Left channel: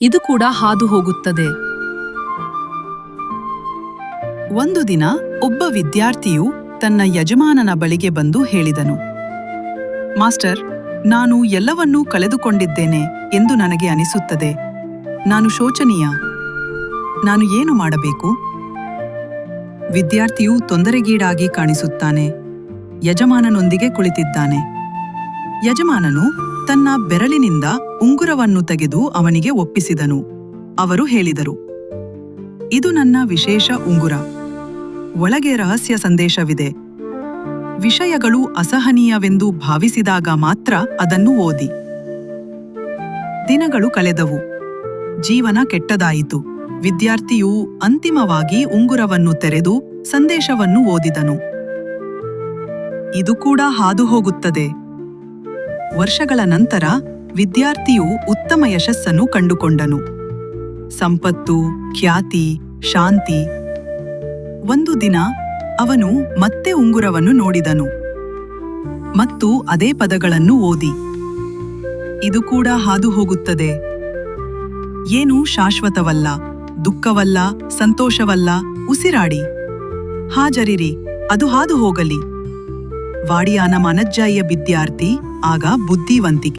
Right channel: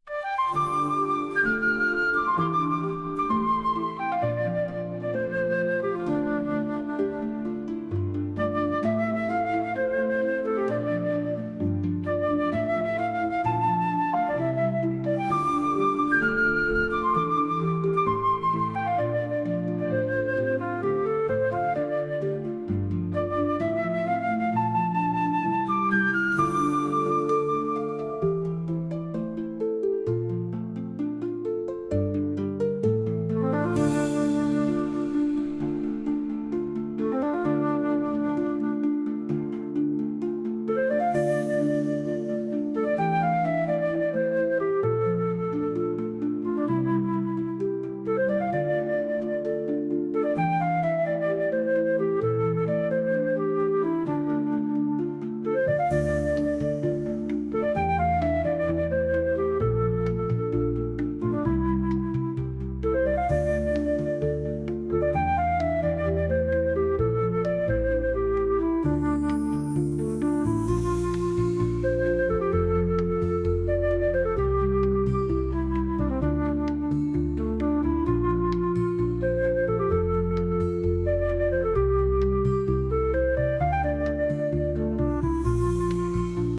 ಇದು ಕೂಡ ಹಾದು ಹೋಗುತ್ತದೆ. ಒಂದು ದಿನ ಒಬ್ಬ ವಿದ್ಯಾರ್ಥಿಯು ತನ್ನ ಯಜಮಾನನ ಬಳಿಗೆ ಬಂದು ಹೇಳಿದನು, ಮಾಸ್ಟರ್, ನಾನು ಎಲ್ಲವನ್ನೂ ಕಳೆದುಕೊಂಡಿದ್ದೇನೆ ಎಂದು ನನಗೆ ಅನಿಸುತ್ತದೆ. ನಾನು ಶೋಚನೀಯ. ನಾನು ಏನು ಮಾಡಬೇಕು? ವಿದ್ಯಾರ್ಥಿಯು ತೊಂದರೆಗೀಡಾಗಿ ಕಾಣಿಸುತ್ತಾನೆ. ಯಜಮಾನನೊಂದಿಗೆ ಕುಳಿತಿದ್ದಾನೆ. ಯಜಮಾನನು ತನ್ನ ಬೆರಳಿನಿಂದ ಉಂಗುರವನ್ನು ತೆಗೆದು ಅವನಿಗೆ ಒಪ್ಪಿಸಿದನು. ಅವರು ಹೇಳಿದರು, ಇದು ನನ್ನ ವಿಶೇಷ ಉಂಗುರ. ಒಳಗೆ ರಹಸ್ಯ ಸಂದೇಶವಿದೆ. ವಿಷಯಗಳು ಅಸಹನೀಯವೆಂದು ಭಾವಿಸಿದಾಗ ಮಾತ್ರ ಅದನ್ನು ಓದಿ. ದಿನಗಳು ಕಳೆದವು. ಜೀವನ ಕೆಟ್ಟದಾಯಿತು. ವಿದ್ಯಾರ್ಥಿಯು ಅಂತಿಮವಾಗಿ ಉಂಗುರವನ್ನು ತೆರೆದು ಸಂದೇಶವನ್ನು ಓದಿದನು. ಇದು ಕೂಡ ಹಾದು ಹೋಗುತ್ತದೆ. ವರ್ಷಗಳ ನಂತರ ವಿದ್ಯಾರ್ಥಿಯು ಉತ್ತಮ ಯಶಸ್ಸನ್ನು ಕಂಡುಕೊಂಡನು. ಸಂಪತ್ತು, ಖ್ಯಾತಿ, ಶಾಂತಿ. ಒಂದು ದಿನ ಅವನು ಮತ್ತೆ ಉಂಗುರವನ್ನು ನೋಡಿದನು ಮತ್ತು ಅದೇ ಪದಗಳನ್ನು ಓದಿ. ಇದು ಕೂಡ ಹಾದು ಹೋಗುತ್ತದೆ. ಏನೂ ಶಾಶ್ವತವಲ್ಲ, ದುಃಖವಲ್ಲ, ಸಂತೋಷವಲ್ಲ, ಉಸಿರಾಡಿ. ಹಾಜರಿರಿ, ಅದು ಹಾದು ಹೋಗಲಿ. ವಾಡಿಯಾನ ಮನಜ್ಜಾಯಿಯ ವಿದ್ಯಾರ್ಥಿ ಆಗ ಬುದ್ಧಿವಂತಿಕೆ.